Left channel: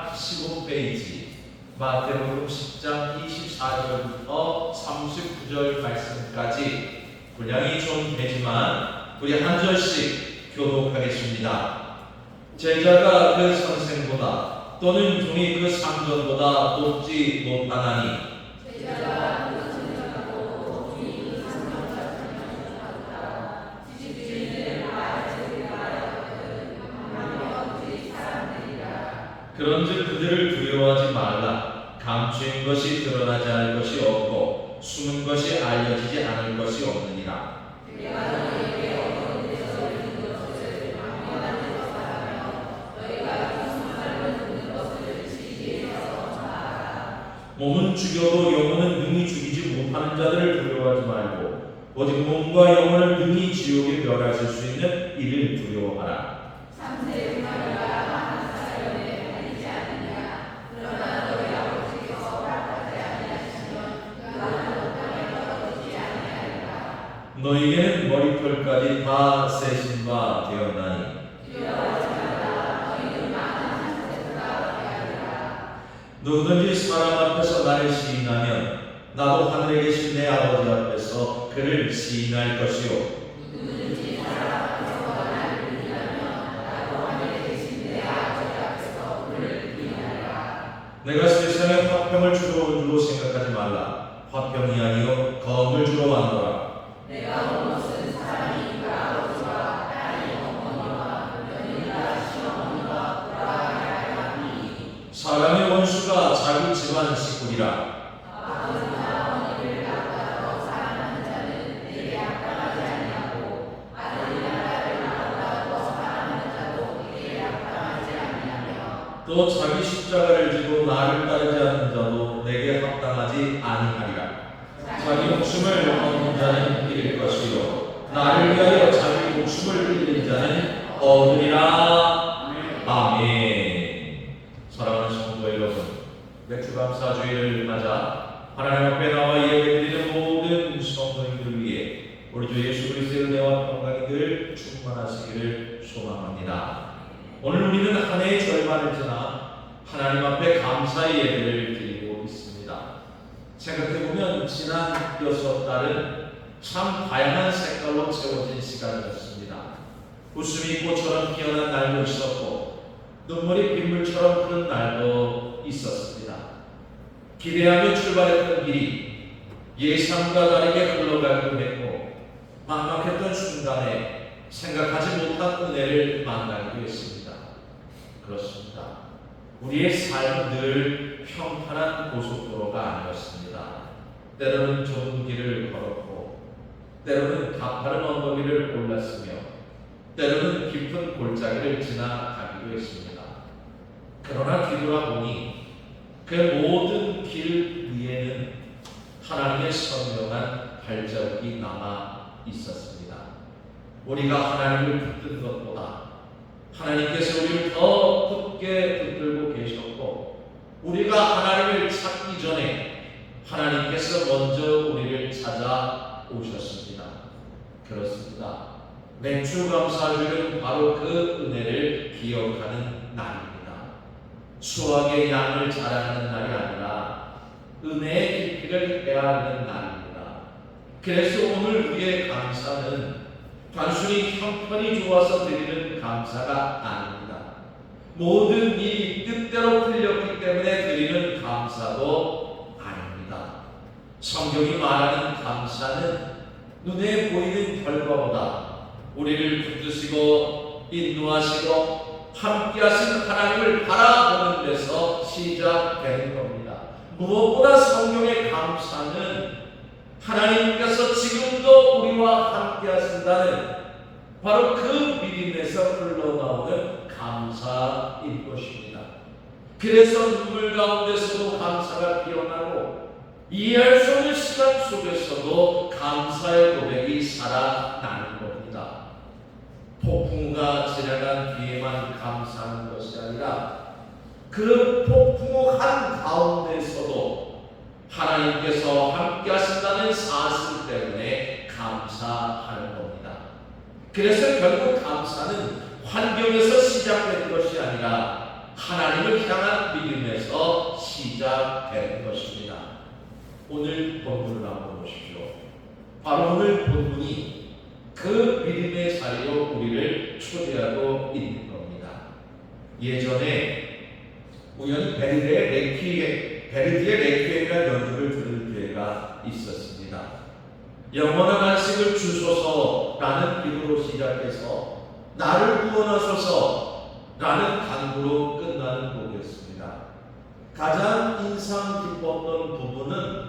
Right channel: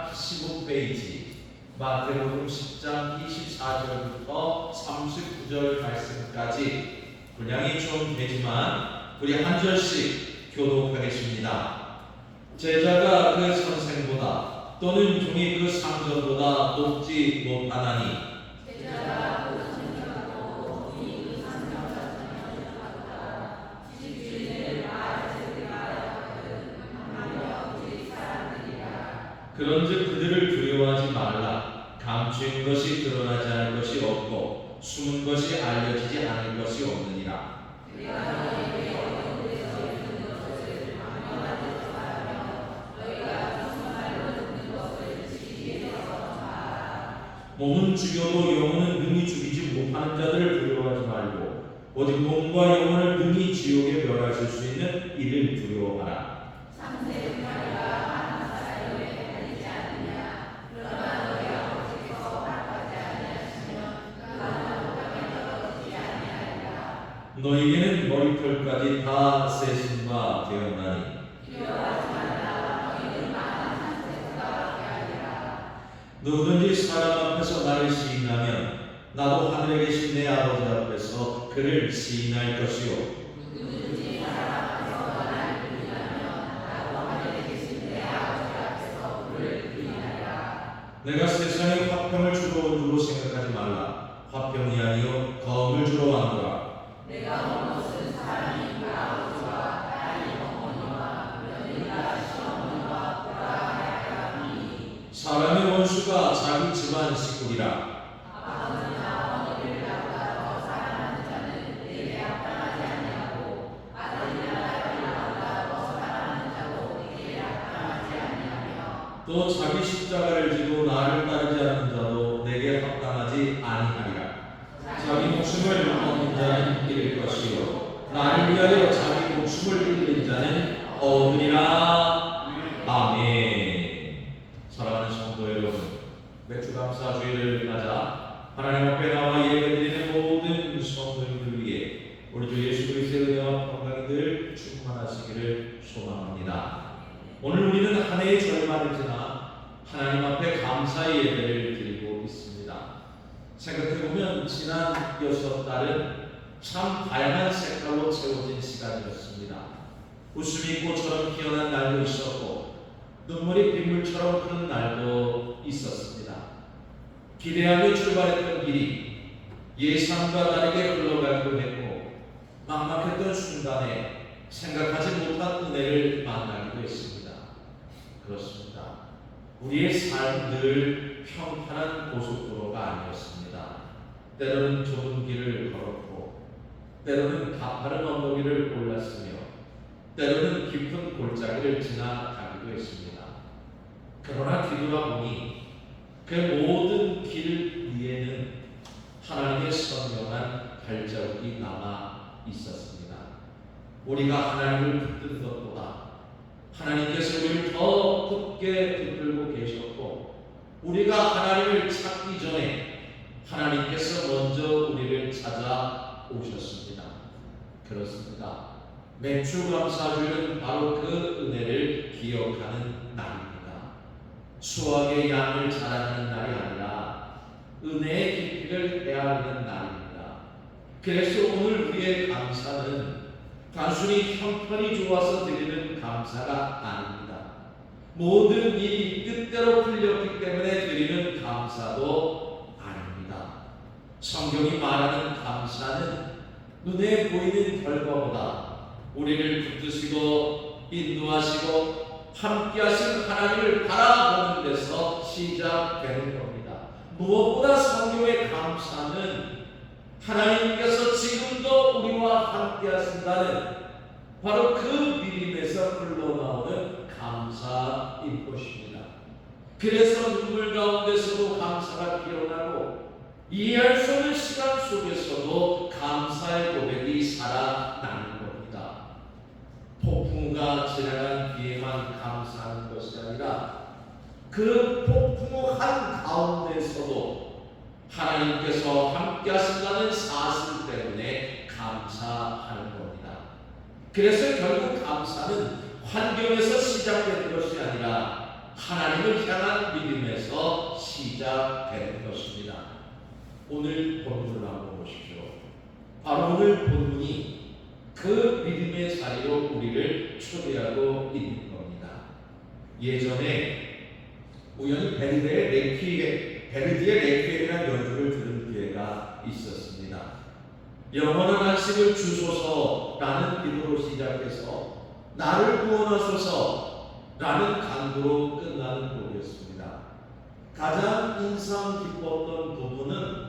15페이지 마태복음 10장 24절부터 39절 말씀까지 분량이 좀 되지만 우리 한 절씩 교독하겠습니다. 제자가 그 선생보다 또는 종이 그 상전보다 높지 못하나니 그런즉 그들을 두려워하지 말라. 감추인 것이 드러나지 않을 것이 없고 숨은 것이 알려지지 않을 것이 없느니라. 몸은 죽여도 영혼은 능히 죽이지 못하는 자들을 두려워하지 말고 오직 몸과 영혼을 능히 지옥에 멸하실 수 있는 이를 두려워하라. 너희에게는 머리털까지 다 세신 바 되었나니 누구든지 사람 앞에서 나를 시인하면 나도 하늘에 계신 내 아버지 앞에서 그를 시인할 것이요 내가 세상에 화평을 주러 온 줄로 생각하지 말라. 화평이 아니요 검을 주러 왔노라. 내가 온 것은 사람이 아버지와 딸이 어머니와 며느리가 시어머니와 돌아가야 하니 사람의 원수가 자기 집안 식구이라. 아버지나 어머니를 낳았다고 사랑하는 자는 내게 합당하지 아니하고 아들이나 딸을 낳았다고 사랑하는 자도 내게 합당하지 아니하며 또 자기 십자가를 지고 나를 따르지 않는 자도 내게 합당하지 아니하리라. 자기 목숨을 얻는 자는 잃을 것이요 나를 위하여 자기 목숨을 잃는 자는 얻으리라. 아멘. 사랑하는 성도 여러분, 맥주감사주의를 맞아 하나님 앞에 나와 예배드리는 모든 성도님들 위해 우리 주 예수 그리스도의 은혜와 평강이 늘 충만하시기를 소망합니다. 오늘 우리는 한 해의 절반을 지나 하나님 앞에 감사의 예배를 드리고 있습니다. 생각해보면 지난 6달은 참 다양한 색깔로 채워진 시간이었습니다. 웃음이 꽃처럼 피어난 날도 있었고 눈물이 빗물처럼 흐른 날도 있었습니다. 기대하며 출발했던 길이 예상과 다르게 흘러가기도 했고 막막했던 순간에 생각하지 못한 은혜를 만나기도 했습니다. 그렇습니다. 우리의 삶은 늘 평탄한 고속도로가 아니었습니다. 때로는 좁은 길을 걸었고 때로는 가파른 언덕위를 올랐으며 때로는 깊은 골짜기를 지나가기도 했습니다. 그러나 뒤돌아보니 그 모든 길 위에는 하나님의 선명한 발자국이 남아 있었습니다. 우리가 하나님을 붙든 것보다 하나님께서 우리를 더 굳게 붙들고 계셨고 우리가 하나님을 찾기 전에 하나님께서 먼저 우리를 찾아오셨습니다. 그렇습니다. 맥주감사주일은 바로 그 은혜를 기억하는 날입니다. 수확의 양을 자랑하는 날이 아니라 은혜의 깊이를 헤아리는 날입니다. 그래서 오늘 우리의 감사는 단순히 형편이 좋아서 드리는 감사가 아닙니다. 모든 일이 뜻대로 풀렸기 때문에 드리는 감사도 아닙니다. 성경이 말하는 감사는 눈에 보이는 결과보다 우리를 붙드시고 인도하시고 함께하신 하나님을 바라보는 데서 시작되는 겁니다. 무엇보다 성경의 감사는 하나님께서 지금도 우리와 함께 하신다는 바로 그 믿음에서 흘러나오는 감사일 것입니다. 그래서 눈물 가운데서도 감사가 피어나고 이해할 수 없는 시간 속에서도 감사의 고백이 살아나는 겁니다. 폭풍우가 지나간 뒤에만 감사하는 것이 아니라 그 폭풍우 한가운데서도 하나님께서 함께 하신다는 사실 때문에 감사하는 겁니다. 그래서 결국 감사는 환경에서 시작된 것이 아니라 하나님을 향한 믿음에서 시작되는 것입니다. 오늘 본문을 한번 보십시오. 바로 오늘 본문이 그 믿음의 자리로 우리를 초대하고 있는 겁니다. 예전에 우연히 베르디의 레퀴엠이라는 연주를 들을 기회가 있었습니다. 영원한 안식을 주소서라는 기도로 시작해서 나를 구원하소서라는 간구로 끝나는 곡이었습니다. 가장 인상 깊었던 부분은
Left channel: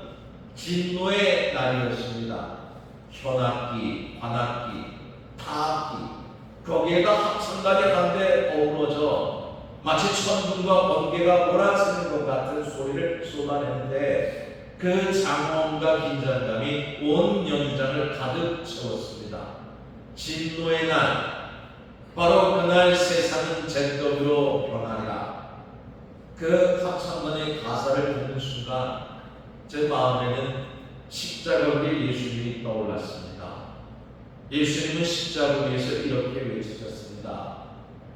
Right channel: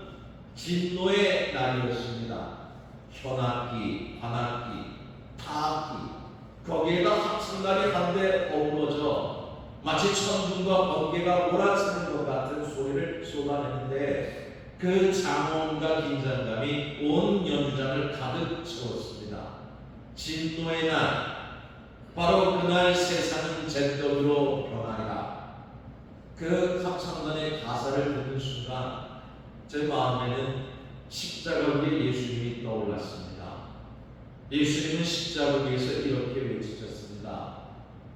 진노의 날이었습니다. 현악기, 관악기, 타악기, 거기에다 합창단이 한데 어우러져 마치 천둥과 번개가 몰아치는 것 같은 소리를 쏟아내는데 그 장엄과 긴장감이 온 연주장을 가득 채웠습니다. 진노의 날, 바로 그날 세상은 잿더미로 변하리라. 그 합창단의 가사를 듣는 순간 제 마음에는 십자가 위에 예수님이 떠올랐습니다. 예수님은 십자가 위에서 이렇게 외치셨습니다.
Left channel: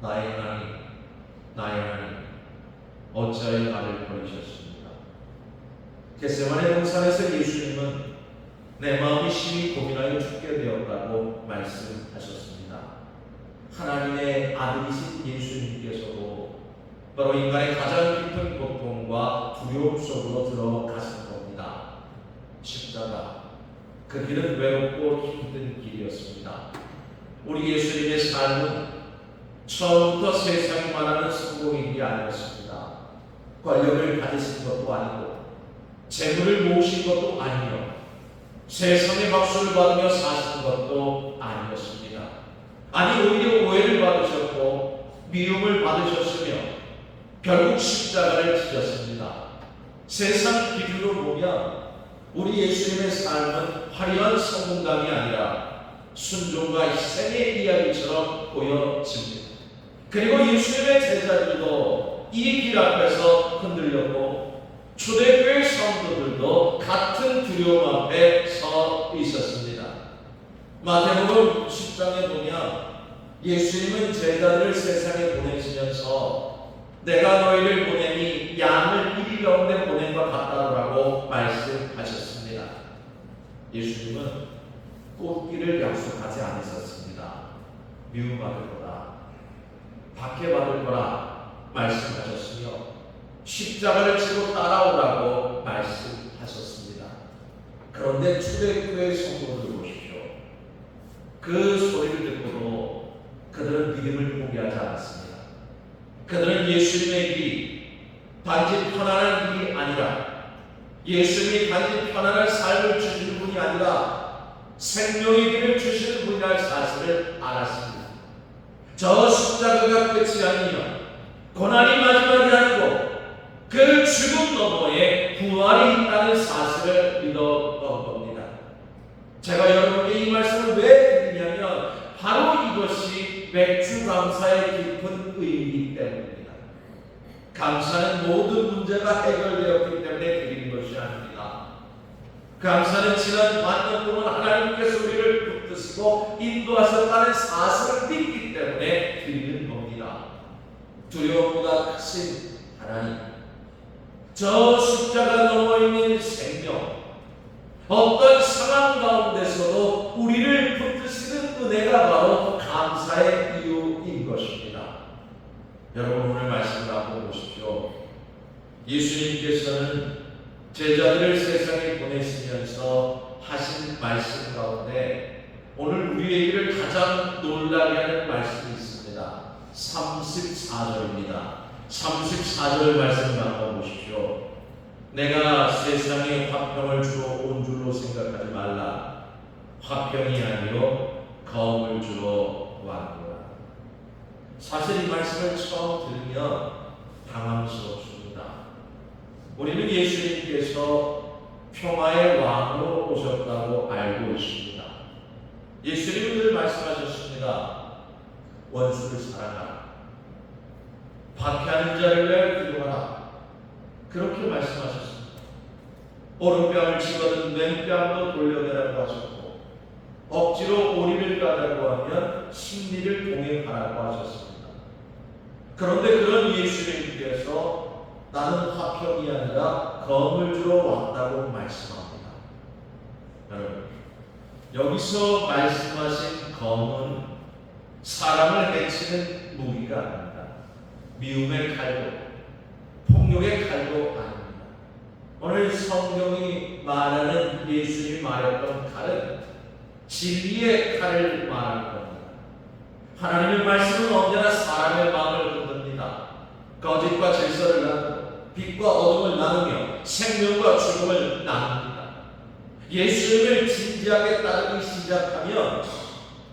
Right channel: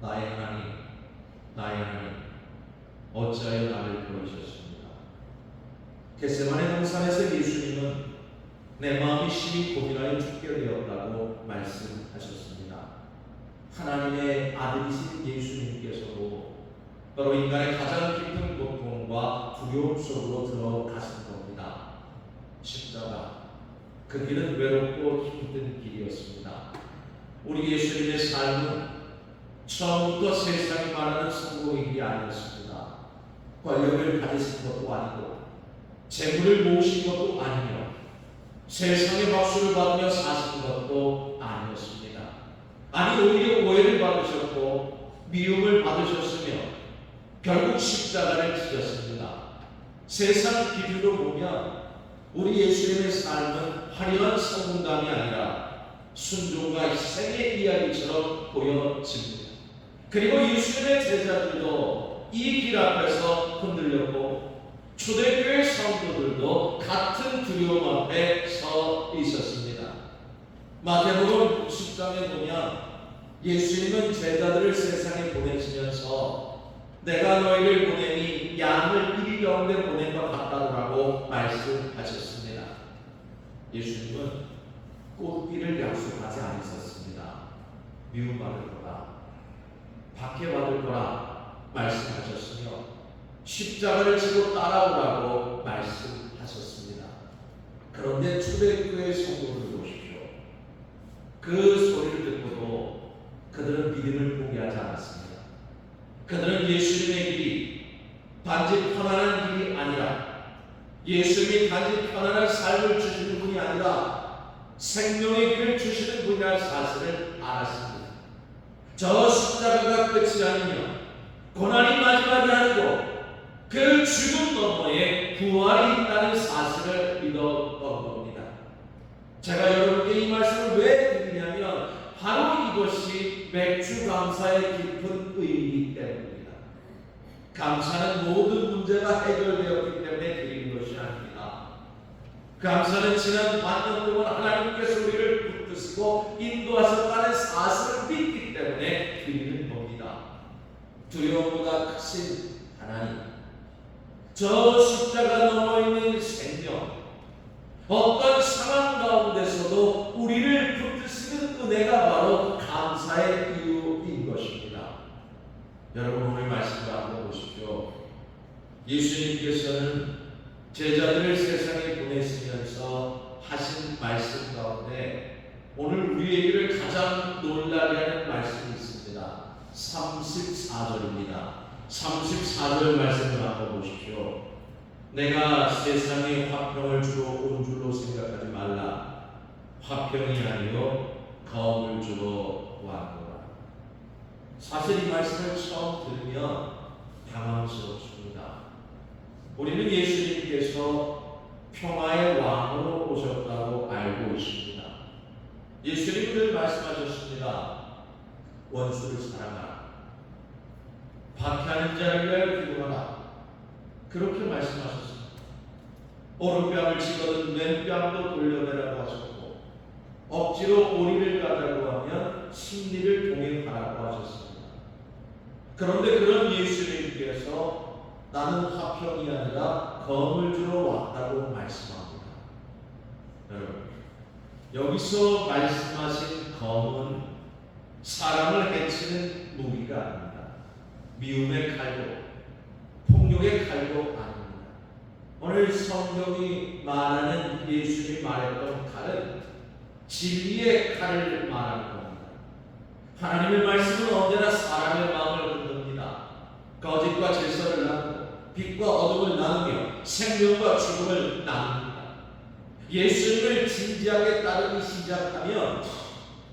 나의 하나님, 나의 하나님, 어찌하여 나를 버리셨습니까? 겟세마네 동산에서 예수님은 내 마음이 심히 고민하여 죽게 되었다고 말씀하셨습니다. 하나님의 아들이신 예수님께서도 바로 인간의 가장 깊은 고통과 두려움 속으로 들어가신 겁니다. 십자가, 그 길은 외롭고 힘든 길이었습니다. 우리 예수님의 삶은 처음부터 세상이 말하는 성공의 길이 아니었습니다. 권력을 가지신 것도 아니고 재물을 모으신 것도 아니며 세상의 박수를 받으며 사신 것도 아니었습니다. 아니, 오히려 오해를 받으셨고 미움을 받으셨으며 결국 십자가를 지셨습니다. 세상 기준으로 보면 우리 예수님의 삶은 화려한 성공담이 아니라 순종과 희생의 이야기처럼 보여집니다. 그리고 예수님의 제자들도 이 길 앞에서 흔들렸고 초대교회 성도들도 같은 두려움 앞에 서 있었습니다. 마태복음 10장에 보면 예수님은 제자들을 세상에 보내시면서 내가 너희를 보내니 양을 이리 가운데 보낸 것 같다라고 말씀하셨습니다. 예수님은 꽃길을 약속하지 않으셨습니다. 미움받을 거라, 박해받을 거라 말씀하셨으며 십자가를 지고 따라오라고 말씀하셨습니다. 그런데 초대교회 성도들 보십시오. 그 소리를 듣고도 그들은 믿음을 포기하지 않았습니다. 그들은 예수님의 길이 단지 편안한 길이 아니라, 예수님이 단지 편안한 삶을 주시는 분이 아니라 생명의 길을 주시는 분이라는 사실을 알았습니다. 저 십자가가 끝이 아니며 고난이 마지막이 아니고 그 죽음 너머에 부활이 있다는 사실을 믿었던 겁니다. 제가 여러분께 이 말씀을 왜 드리냐면 바로 이것이 맥주 감사의 깊은 의미이기 때문입니다. 감사는 모든 문제가 해결되었기 때문에 드리는 것이 아닙니다. 감사는 지난 반년 동안 하나님께서 우리를 붙드시고 인도하셨다는 사실을 믿기 때문에 드리는 겁니다. 두려움보다 크신 하나님, 저 십자가 넘어 있는 생명, 어떤 상황 가운데서도 우리를 붙드시는 은혜가 바로 감사의 이유인 것입니다. 여러분, 오늘 말씀을 한번 보십시오. 예수님께서는 제자들을 세상에 보내시면서 하신 말씀 가운데 오늘 우리에게를 가장 놀라게 하는 말씀이 있습니다. 34절입니다. 34절 말씀을 한번 보십시오. 내가 세상에 화평을 주러 온 줄로 생각하지 말라. 화평이 아니요 거움을 주러 왔노라. 사실 이 말씀을 처음 들으면 당황스럽습니다. 우리는 예수님께서 평화의 왕으로 오셨다고 알고 있습니다. 예수님은 늘 말씀하셨습니다. 원수를 사랑하라. 박해하는 자를 위하여 기도하라. 그렇게 말씀하셨습니다. 오른뺨을 치거든 왼뺨도 돌려내라고 하셨고, 억지로 오리를 가자고 하면 심리를 동행하라고 하셨습니다. 그런데 그런 예수님께서 나는 화평이 아니라 검을 주러 왔다고 말씀합니다. 여러분, 여기서 말씀하신 검은 사람을 해치는 무기가 아닙니다. 미움의 칼도 폭력의 칼도 아닙니다. 오늘 성경이 말하는 예수님이 말했던 칼은 진리의 칼을 말하는 겁니다. 하나님의 말씀은 언제나 사람의 마음을 흔듭니다. 거짓과 질서를 나누고 빛과 어둠을 나누며 생명과 죽음을 나눕니다. 예수님을 진지하게 따르기 시작하면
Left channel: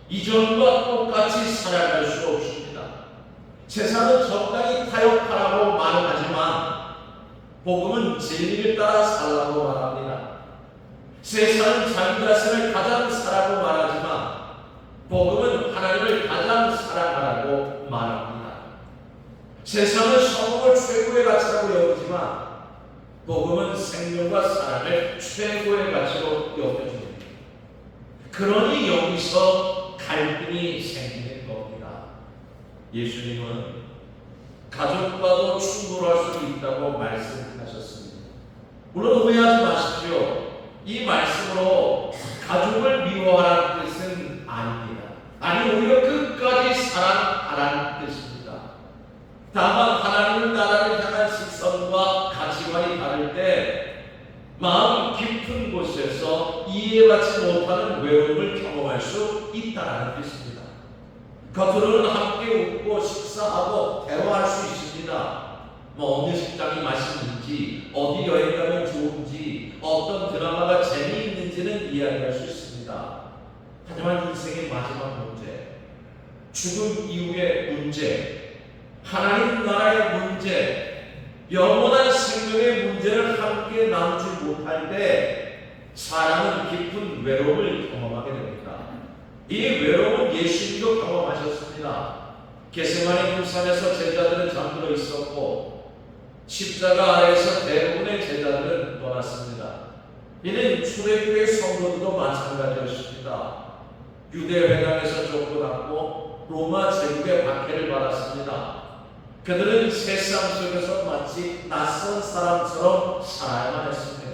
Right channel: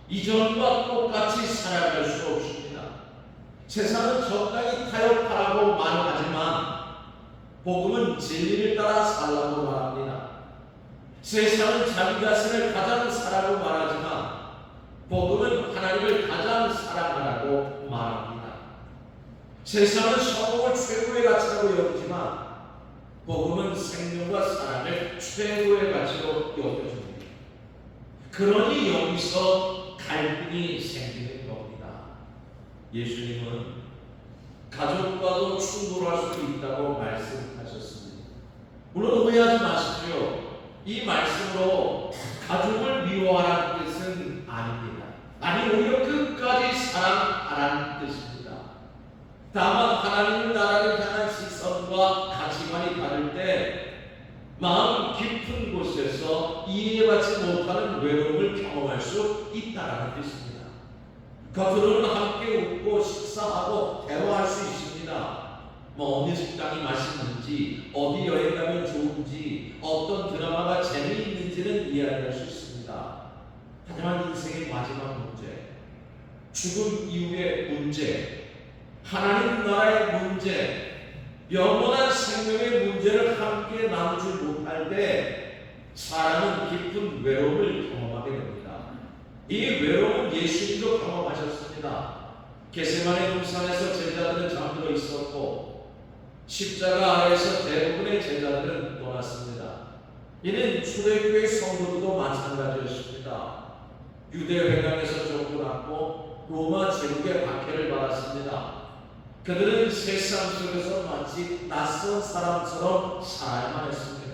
이전과 똑같이 살아갈 수 없습니다. 세상은 적당히 타협하라고 말하지만 복음은 진리를 따라 살라고 말합니다. 세상은 자기 자신을 가장 사랑하고 말하지만 복음은 하나님을 가장 사랑하라고 말합니다. 세상은 성공을 최고의 가치라고 여기지만 복음은 생명과 사랑을 최고의 가치로 여겨줍니다. 그러니 여기서 갈등이 생기는 겁니다. 예수님은 가족과도 충돌할 수 있다고 말씀하셨습니다. 물론 오해하지 마십시오. 이 말씀으로 가족을 미워하라는 뜻은 아닙니다. 아니, 오히려 끝까지 사랑하라는 뜻입니다. 다만 하나님 나라를 향한 시선과 가치관이 다를 때 마음 깊은 곳에서 이해받지 못하는 외로움을 경험할 수 있다는 뜻입니다. 겉으로는 함께 웃고 식사하고 대화할 수 있습니다. 어느 식당이 맛있는지, 어디 여행 가면 좋은지, 어떤 드라마가 재미있는지는 이야기할 수 있습니다. 하지만 인생의 마지막 문제, 죽음 이후의 문제, 하나님 나라의 문제, 영원한 생명의 문제를 함께 나누지 못할 때 사람은 깊은 외로움을 경험하게 됩니다. 이 외로움은 예수님도 경험하셨습니다. 겟세마네 동산에서 제자들은 잠들어 있었고 십자가 아래에서 대부분의 제자들은 떠났습니다. 이는 초대교회 성도들도 마찬가지였습니다. 유대 회당에서 쫓겨났고 로마 제국의 박해를 받았습니다. 그들은 세상 속에서 마치 낯선 사람처럼 살아야만 했습니다.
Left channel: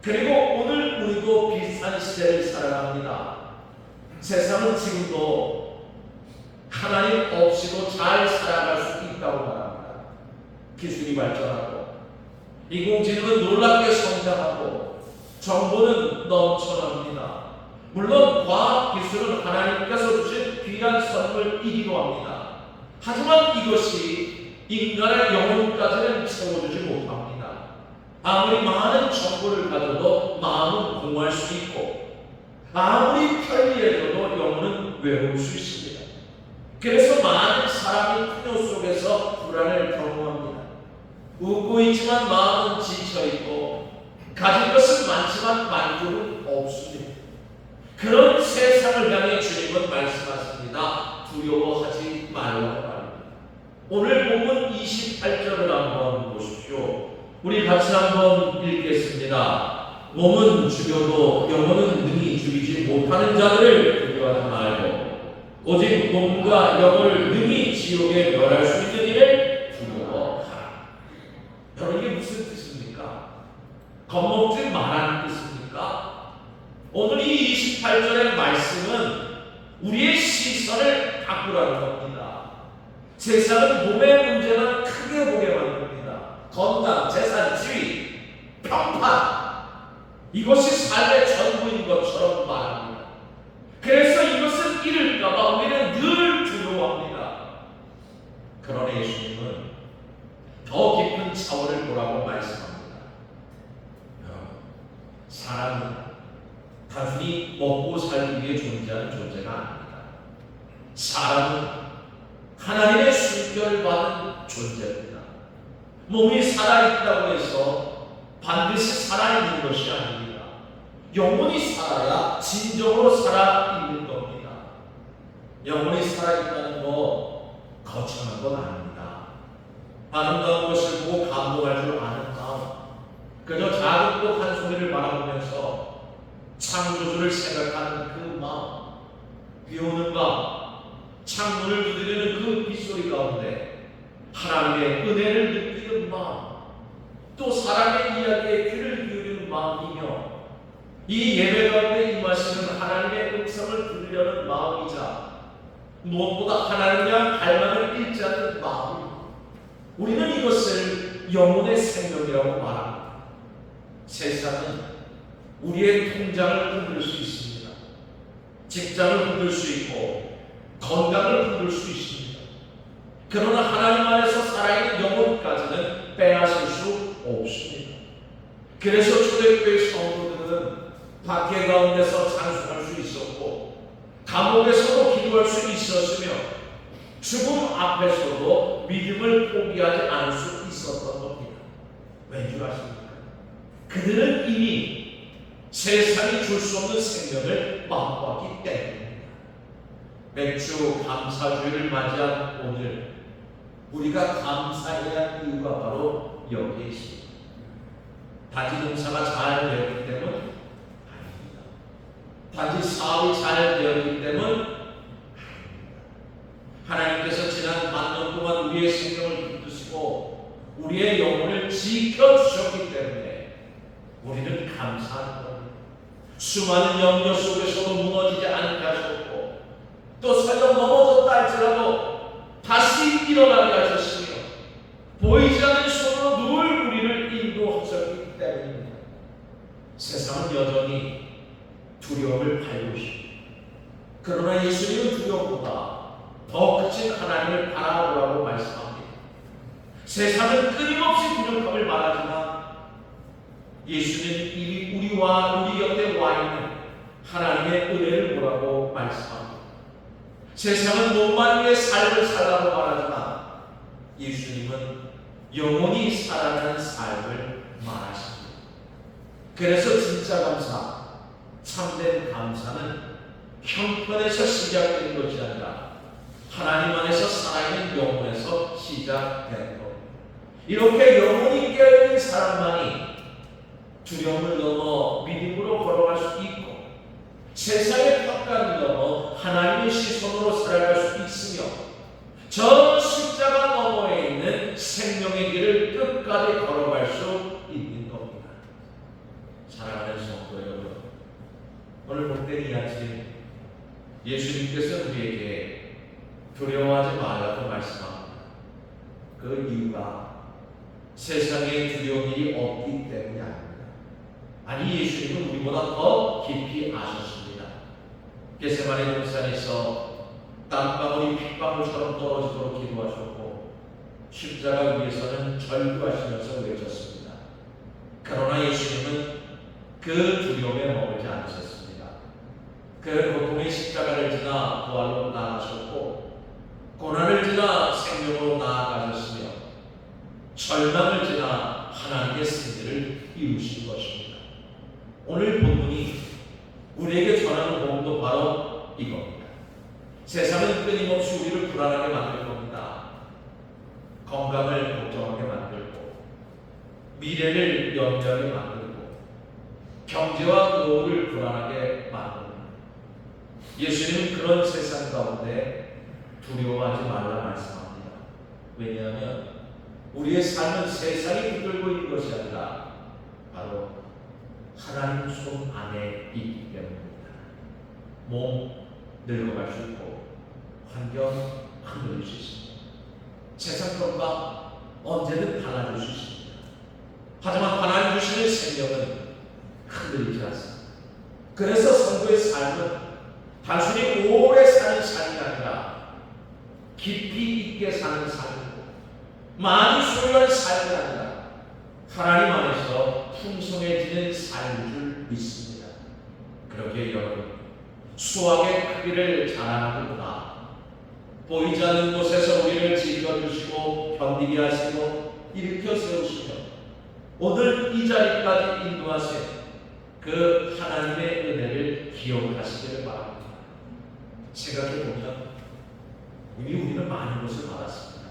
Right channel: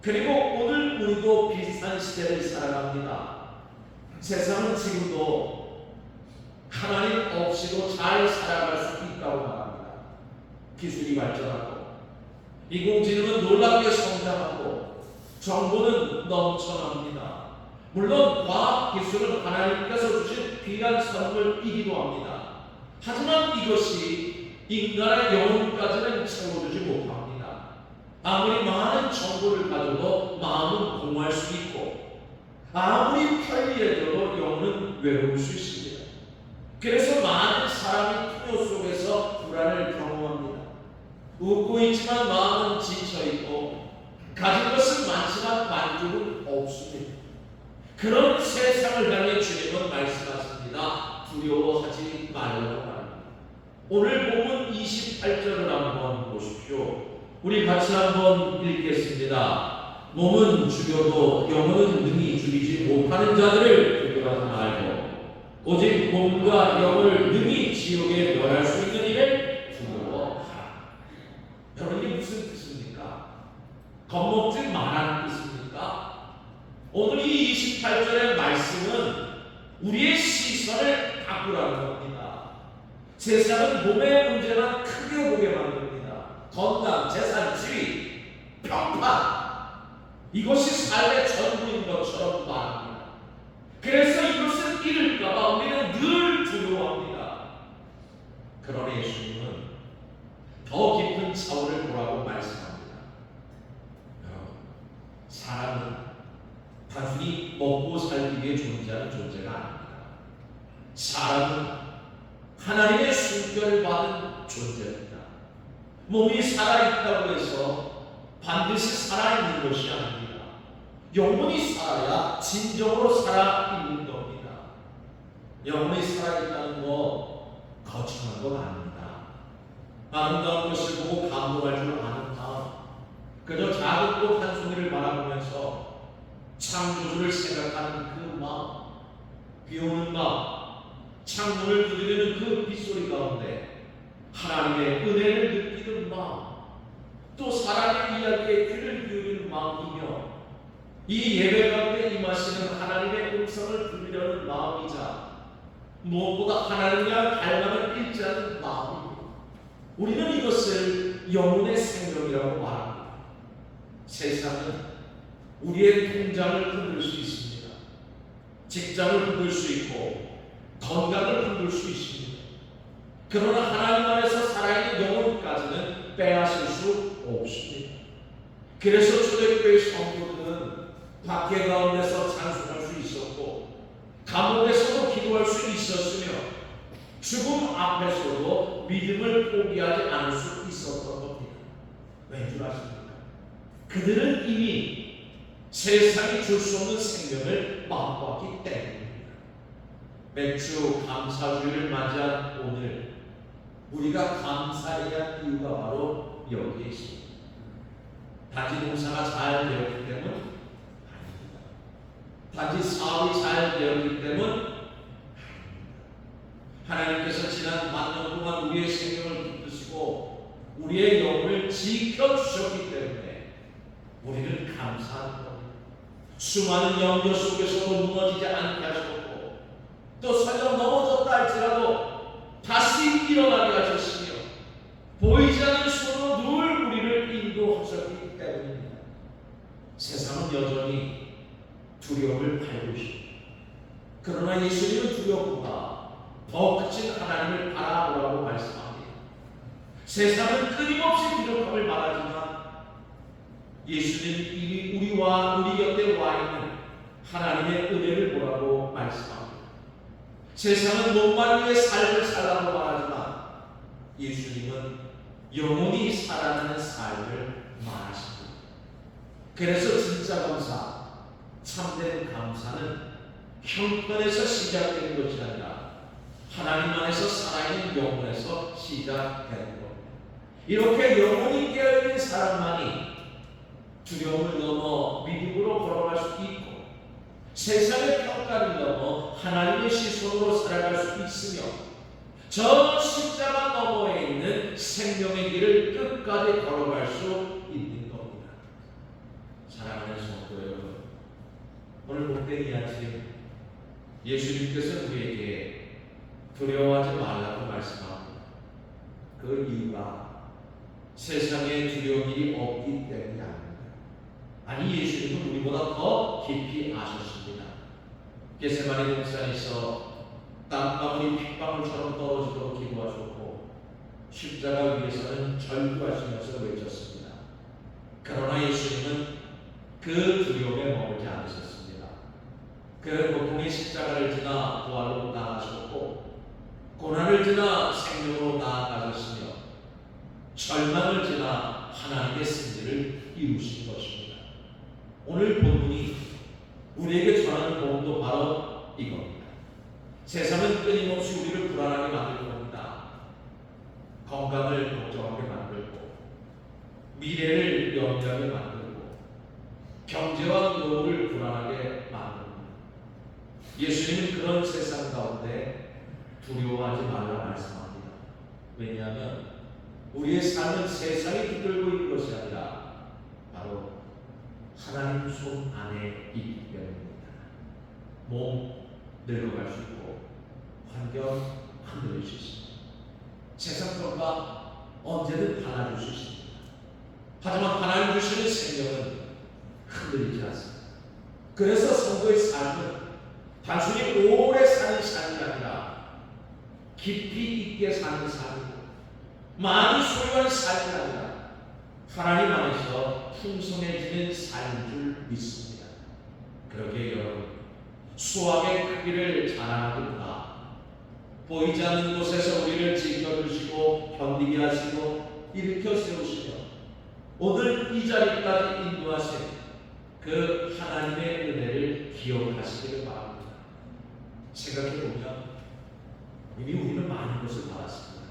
그리고 오늘 우리도 비슷한 시대를 살아갑니다. 세상은 지금도 하나님 없이도 잘 살아갈 수 있다고 말합니다. 기술이 발전하고 인공지능은 놀랍게 성장하고 정보는 넘쳐납니다. 물론 과학기술은 하나님께서 주신 귀한 선물이기도 합니다. 하지만 이것이 인간의 영혼까지는 채워주지 못합니다. 아무리 많은 정보를 가져도 마음은 공허할 수 있고 아무리 편리해져도 영혼은 외로울 수 있습니다. 그래서 많은 사람이 풍요 속에서 불안을 경험합니다. 웃고 있지만 마음은 지쳐있고 가진 것은 많지만 만족은 없습니다. 그런 세상을 향해 주님은 말씀하십니다. 두려워하지 말라고 말합니다. 오늘 본문 28절을 한번 보십시오. 우리 같이 한번 읽겠습니다. 몸은 죽여도 영혼은 능히 죽이지 못하는 자들을 두려워하지 말고 오직 몸과 영을 능히 지옥에 멸할 수 있는 일을 두려워하라. 여러분, 이게 무슨 뜻입니까? 겁먹지 말라는 뜻입니까? 오늘 이 28절의 말씀은 우리의 시선을 바꾸라는 겁니다. 세상은 몸의 문제만 크게 보게 만듭니다. 건강, 재산, 지위, 평판, 이것이 삶의 전부인 것처럼 말합니다. 그래서 이것을 잃을까봐 우리는 늘 두려워합니다. 그러나 예수님은 더 깊은 차원을 보라고 말씀합니다. 여러분, 사람은 단순히 먹고 살기 위해 존재하는 존재가 아닙니다. 사람은 하나님의 순결을 받은 존재입니다. 몸이 살아있다고 해서 반드시 살아있는 것이 아닙니다. 영혼이 살아야 진정으로 살아있는 겁니다. 영혼이 살아있다는 거 거창한 건 아닙니다. 아름다운 것을 보고 감동할 줄 아는 마음, 그저 작은 꽃 한 송이를 바라보면서 창조주를 생각하는 그 마음, 비 오는 밤 창문을 두드리는 그 빗소리 가운데 이야기에 귀를 기울이는 마음이며 이 예배 가운데 임하시는 하나님의 음성을 들으려는 마음이자 무엇보다 하나님을 향한 갈망을 잃지 않는 마음입니다. 우리는 이것을 영혼의 생명이라고 말합니다. 세상은 우리의 통장을 흔들 수 있습니다. 직장을 흔들 수 있고 건강을 흔들 수 있습니다. 그러나 하나님 안에서 살아있는 영혼까지는 빼앗을 수 없습니다. 그래서 초대교회 성도들은 박해 가운데서 찬송할 수 있었고 감옥에서도 기도할 수 있었으며 죽음 앞에서도 믿음을 포기하지 않을 수 있었던 겁니다. 왠 줄 아십니까? 그들은 이미 세상이 줄 수 없는 생명을 맛봤기 때문입니다. 맥주 감사주의를 맞이한 오늘 우리가 감사해야 할 이유가 바로 여기에 있습니다. 단지 농사가 잘 되었기 때문 아닙니다. 단지 사업이 잘 되었기 때문 아닙니다. 하나님께서 지난 반년 동안 우리의 생명을 붙드시고 우리의 영혼을 지켜주셨기 때문에 우리는 감사하는 겁니다. 수많은 연교 속에서도 무너지지 않게 하셨고 또 설령 넘어졌다 할지라도 다시 일어나게 하셨으며 보이지 않는 손으로 늘 우리를 인도하셨기 때문입니다. 세상은 여전히 두려움을 팔고 있습니다. 그러나 예수님은 두려움보다 더 크신 하나님을 바라보라고 말씀합니다. 세상은 끊임없이 부족함을 말하지만 예수님은 이미 우리와 우리 곁에 와 있는 하나님의 은혜를 보라고 말씀합니다. 세상은 몸만 위해 삶을 살라고 말하지만 예수님은 영원히 살아가는 삶을 말하십니다. 그래서 진짜 감사, 참된 감사는 형편에서 시작되는 것이 아니라 하나님 안에서 살아있는 영혼에서 시작되는 겁니다. 이렇게 영혼이 깨어있는 사람만이 두려움을 넘어 믿음으로 걸어갈 수 있고 세상의 평가를 넘어 하나님의 시선으로 살아갈 수 있으며 저 십자가 너머에 있는 생명의 길을 끝까지 걸어갈 수 있는 겁니다. 사랑하는 성도 여러분, 오늘 복된 이 아침 예수님께서 우리에게 두려워하지 말라고 말씀합니다. 그 이유가 세상에 두려운 일이 없기 때문이 아닙니다. 아니, 예수님은 우리보다 더 깊이 아셨습니다. 겟세마네 동산에서 땀방울이 핏방울처럼 떨어지도록 기도하셨고 십자가 위에서는 절규하시면서 외쳤습니다. 그러나 예수님은 그 두려움에 머물지 않으셨습니다. 그 고통의 십자가를 지나 부활로 나아가셨고 고난을 지나 생명으로 나아가셨으며 절망을 지나 하나님의 승리를 이루신 것입니다. 오늘 본문이 우리에게 전하는 복음도 바로 이겁니다. 세상은 끊임없이 우리를 불안하게 만들 겁니다. 건강을 걱정하게 만들고 미래를 염려하게 만들고 경제와 노후를 불안하게 만듭니다. 예수님은 그런 세상 가운데 두려워하지 말라 말씀합니다. 왜냐하면 우리의 삶은 세상이 붙들고 있는 것이 아니라 바로 하나님 손 안에 있기 때문입니다. 몸 늙어갈 수 있고 환경 흔들릴 수 있습니다. 세상 평가 언제든 달라질 수 있습니다. 하지만 하나님 주시는 생명은 흔들리지 않습니다. 그래서 성도의 삶은 단순히 오래 사는 삶이 아니라 깊이 있게 사는 삶이고 많이 소유하는 삶이 아니라 하나님 안에서 풍성해지는 삶인 줄 믿습니다. 그러기에 여러분, 수확의 크기를 자랑하기보다 보이지 않는 곳에서 우리를 지켜주시고 견디게 하시고 일으켜 세우시며 오늘 이 자리까지 인도하신 그 하나님의 은혜를 기억하시기를 바랍니다. 생각해보면 이미 우리는 많은 것을 받았습니다.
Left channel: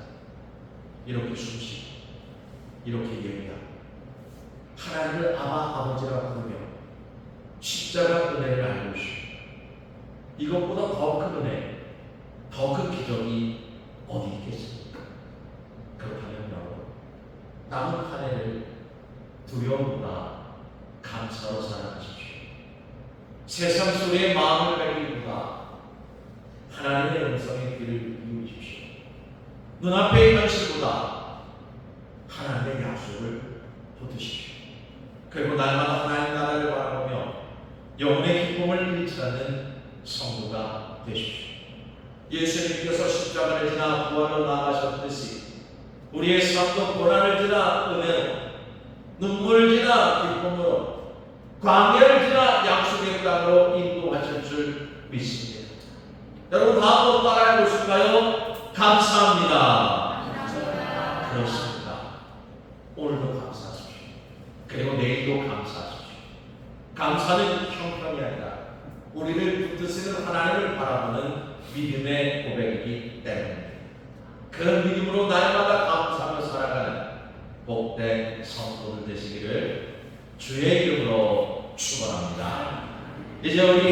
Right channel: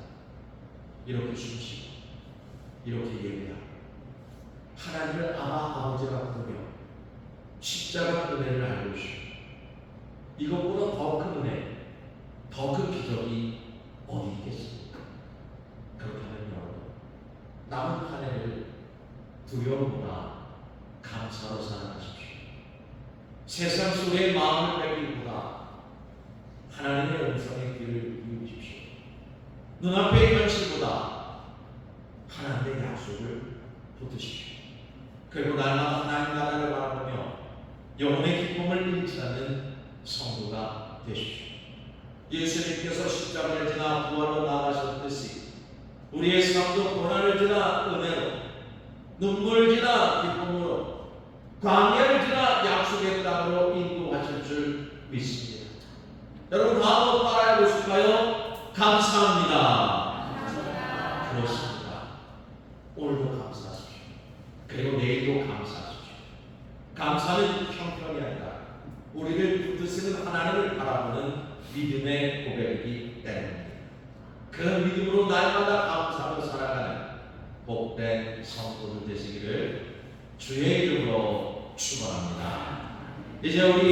이렇게 숨쉬고 이렇게 예배하고 하나님을 아버지라고 부르며 십자가 은혜를 알고 있습니다. 이것보다 더 큰 은혜, 더 큰 기적이 어디 있겠습니까? 그렇다면 여러분, 남은 한 해를 두려움보다 감사로 살아가십시오. 세상 속의 마음을 가기보다 하나님의 음성의 귀를 기울이십시오. 눈앞의 현실보다 하나님의 약속을 붙드십시오. 그리고 날마다 하나님 나라를 바라보며 영혼의 기쁨을 잃지 않는 성도가 되십시오. 예수님께서 십자가를 지나 부활로 나가셨듯이 우리의 삶도 고난을 지나 은혜로, 눈물을 지나 기쁨으로, 광야를 지나 약속의 땅으로 인도하실 줄 믿습니다. 여러분 다 한번 따라해 보실까요? 감사합니다. 그렇습니다. 오늘도 감사하십시오. 그리고 내일도 감사하십시오. 감사는 형편이 아니라 우리를 붙드시는 하나님을 바라보는 믿음의 고백이기 때문입니다. 그 믿음으로 날마다 감사하며 살아가는 복된 성도들 되시기를 주의 이름으로 축원합니다. 이제 우리